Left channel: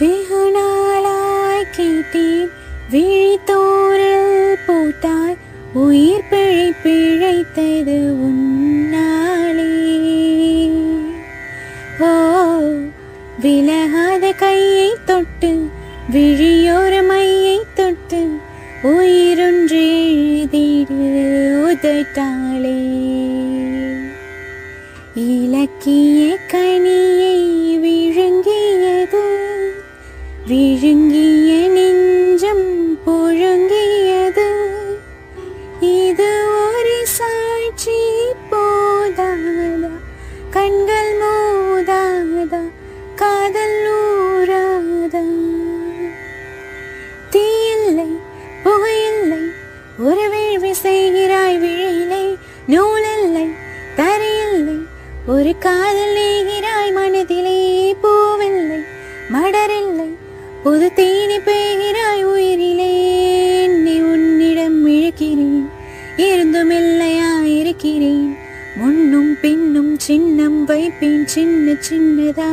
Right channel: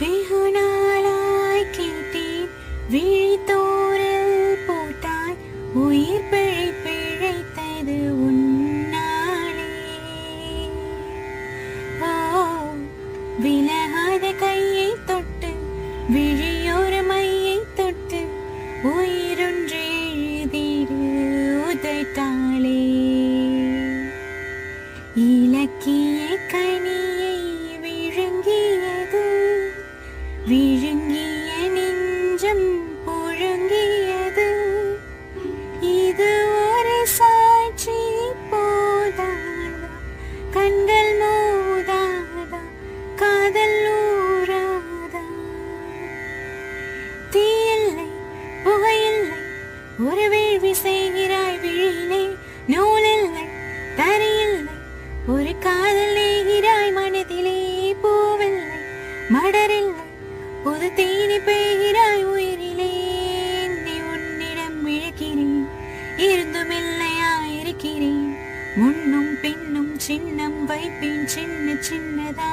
வெகு நாளாய் கேட்டேன் விழித்தோரில் போட்டாய் உயிர் பிழைத்தது உன்னாலே. ஓ விலகாத கையை தொட்டு விழியோர மையை தொட்டு உயிரொன்று எழுதிடு உதட்டாளே. இலக்கிய கனியை விழுங்கியது விழுங்கிய நெஞ்சம் புழுங்கியது. இது ஒரு சாட்சி போதாதா, கண்கள் மோதாதா, காதல் ஊராதா. தீயில்லை புகையில்லை ஒரு வேள்வி செய்கிறாய் விழியிலே. நூலில்லை தரையில்லை ஒரு காதல் நேகிறாய் மனதிலே. பூவில்லை மடரில்லை புது தேனி பெய்கிறாய் உயிரிலே. என்னை உன்னிடம் இழக்கிறேன் இருந்தும் இல்லையாயிருக்கிறேன். முன்னும் பின்னும் சின்னம் வைப்பேன் சின்ன சின்னதா.